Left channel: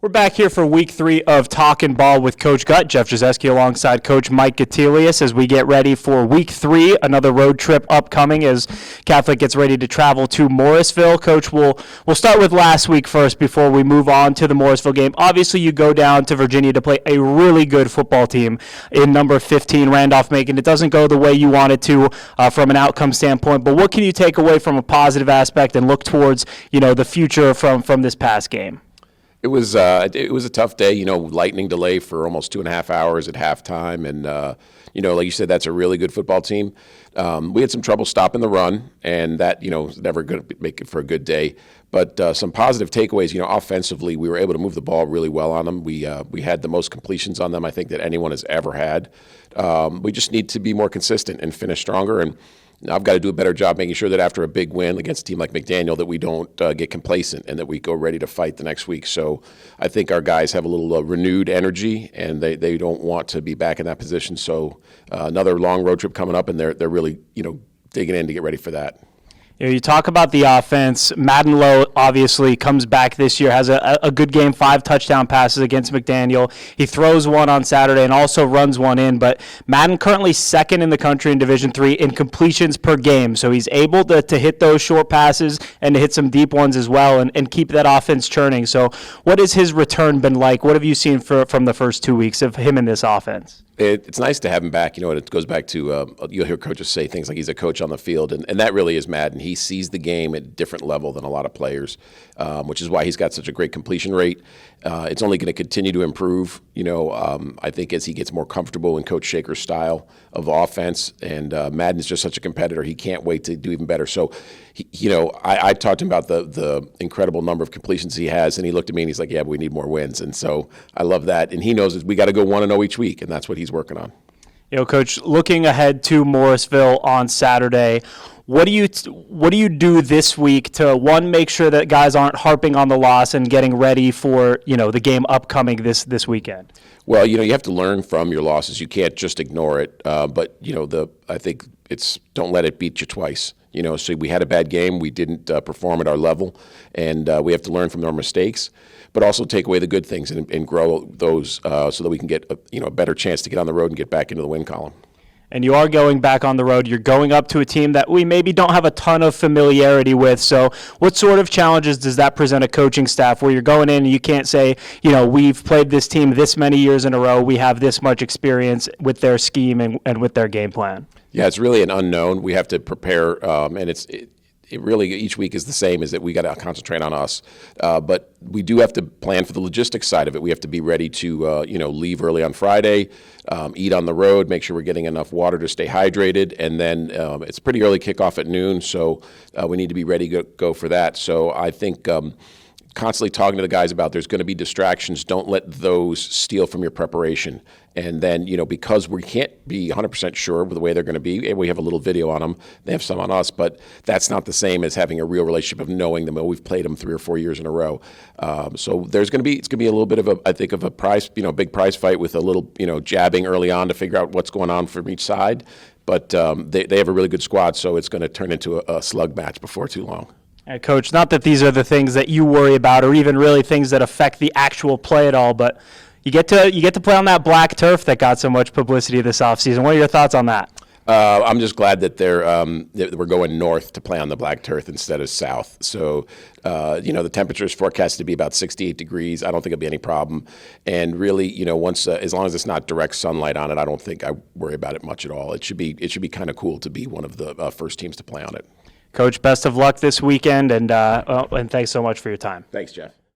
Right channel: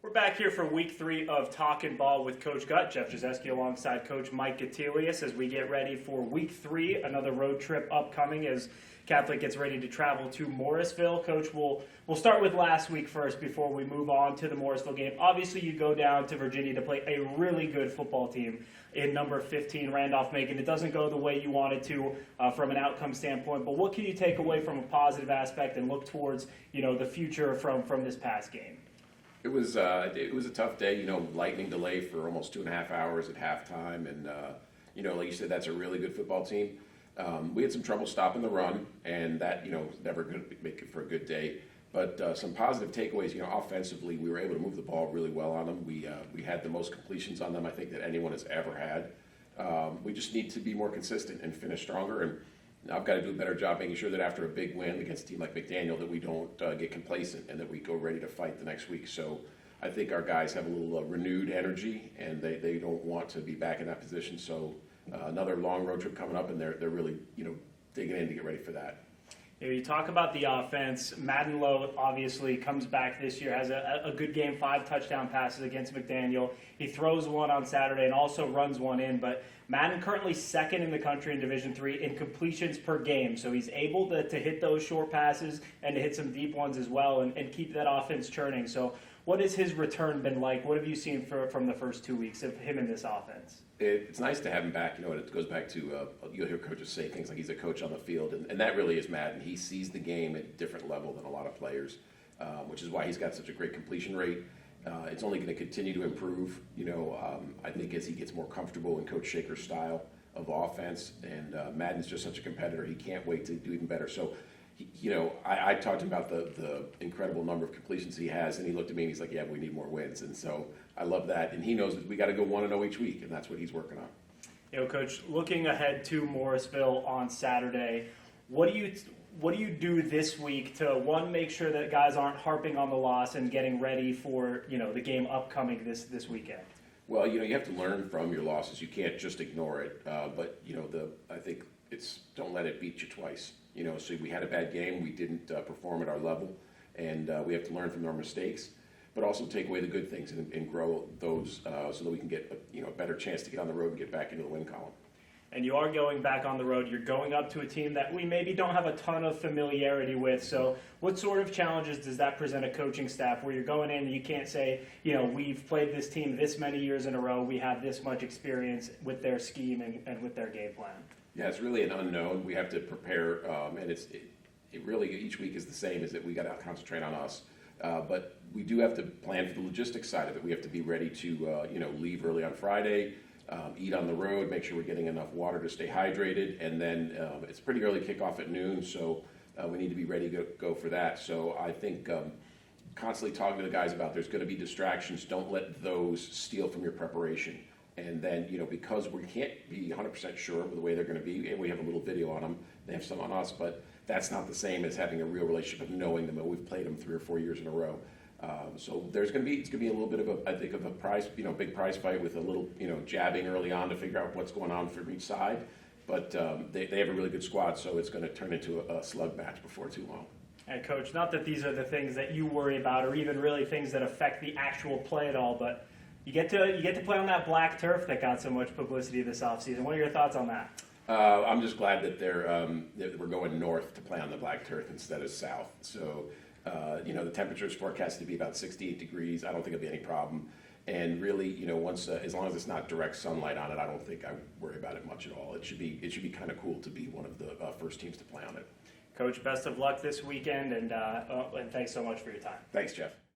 We're back here for week 3 of Talkin' Ball with Coach Gut, Jeff Jazeski alongside Coach Mike Gatilius as we get ready for week 3, another road trip upcoming as Catholic gets ready to travel to Morrisville. Coach, we'll start with last week first before we move on to the Morrisville game. Obviously, you go down to Virginia to play a really good football team in number 15, Randolph-Macon. It doesn't go the way you want it to from an outcome standpoint, but what can you take away from a positive aspect and look towards, the future from this past game? It was a tough day, lightning delay for almost 2.5 hours at halftime. And, like you said, that's a really good football team. We had some trouble stopping the run, and that, is never going to make it for a good day. But some positive takeaways, offensively, we were able to move the ball really well on them. We had the most completions on them, I think, that anyone has ever had. We just need to be more consistent and finish stronger. And I've got to do a better job making sure that after a big win against a team like McDaniel that we don't get complacent and that we go ready to fight the next week. So I think our guys have a little renewed energy, and they don't want to be back in that position. So another long road trip coming up, and they're really digging in to get ready for that. You talk about the offense. Madden Lowe obviously comes back this year, has a good game, 5 touchdown passes against McDaniel. He throws one on Saturday and also runs one in. But Madden currently second in the country in Division III in completions per game. So he's able to hit those short passes and to hit some deep ones as well and keep that offense churning. So what has his return been like? What have you seen from the first 2 weeks of him in this offense? It's nice to have him back. It goes back to you'll hear coaches say things like he's a coach on the field, and that really is Madden. He sees the game at a different level than a lot of players, which is why he's got such a great completion rate. It's only going to continue to improve, I think as he gets more comfortable in Coach Shaker's style of offense. And Madden is just such a competitor. He can't wait to do even better. So, I talked to him about the incredible number of completions he has, and he looked at me and he's like, yeah, but we need more wins. And so I love that. And he knows that we got to go 1-0 each week, and that's what he's working on. Coach, looking ahead to Morrisville on Saturday, what do you do this week to, one, make sure that guys aren't harping on the loss and getting ready for, the game upcoming this weekend? Well, you have to learn from your losses. You can't just ignore it. But, I think it's don't let it beat you twice. So we had a bad game. We didn't perform at our level, and we have to learn from our mistakes, but also take away the good things and grow those so that we can get a better chance to get on the road and get back into the win column. And you are going back on the road. You're going up to a team that we maybe don't have a ton of familiarity with. So what sort of challenges does that present a coaching staff where you're going in and you can't say, we've played this team this many years in a row. We have this much experience with their scheme and with their game plan? Yeah, it's really an unknown. We have to prepare, and it really each week is the same, is that we got to concentrate on us. But we do have to plan for the logistics side of it. We have to be ready to, leave early on Friday, eat on the road, make sure we're getting enough water to stay hydrated, and then it's pretty early kickoff at noon, so we need to be ready to go for that. So I think constantly talking to the guys about there's going to be distractions. Don't let those steal from your preparation. And then, because we can't be 100% sure with the way they're going to be, and we have a little video on them, they have some on us, but that's not the same as having a real relationship of knowing them. We've played them 3 or 4 years in a row. So it's going to be a little bit of a prize, big prize fight with a little, jabbing early on to figure out what's going on from each side. But they have a really good squad, so it's going to turn into a slug match before too long. Coach, not that these are the things that you worry about or even really things that affect the actual play at all, but you get to play on that black turf that got so much publicity this offseason. What are your thoughts on that? I'm just glad that we're going north to play on the black turf instead of south. So, the temperature is forecast to be about 68 degrees. I don't think it'll be any problem. And really, once as long as it's not direct sunlight on it, I don't think I worry about it much at all. It should be kind of cool to be one of the first teams to play on it. Coach, best of luck this weekend, and thanks so much for your time. Thanks, Jeff.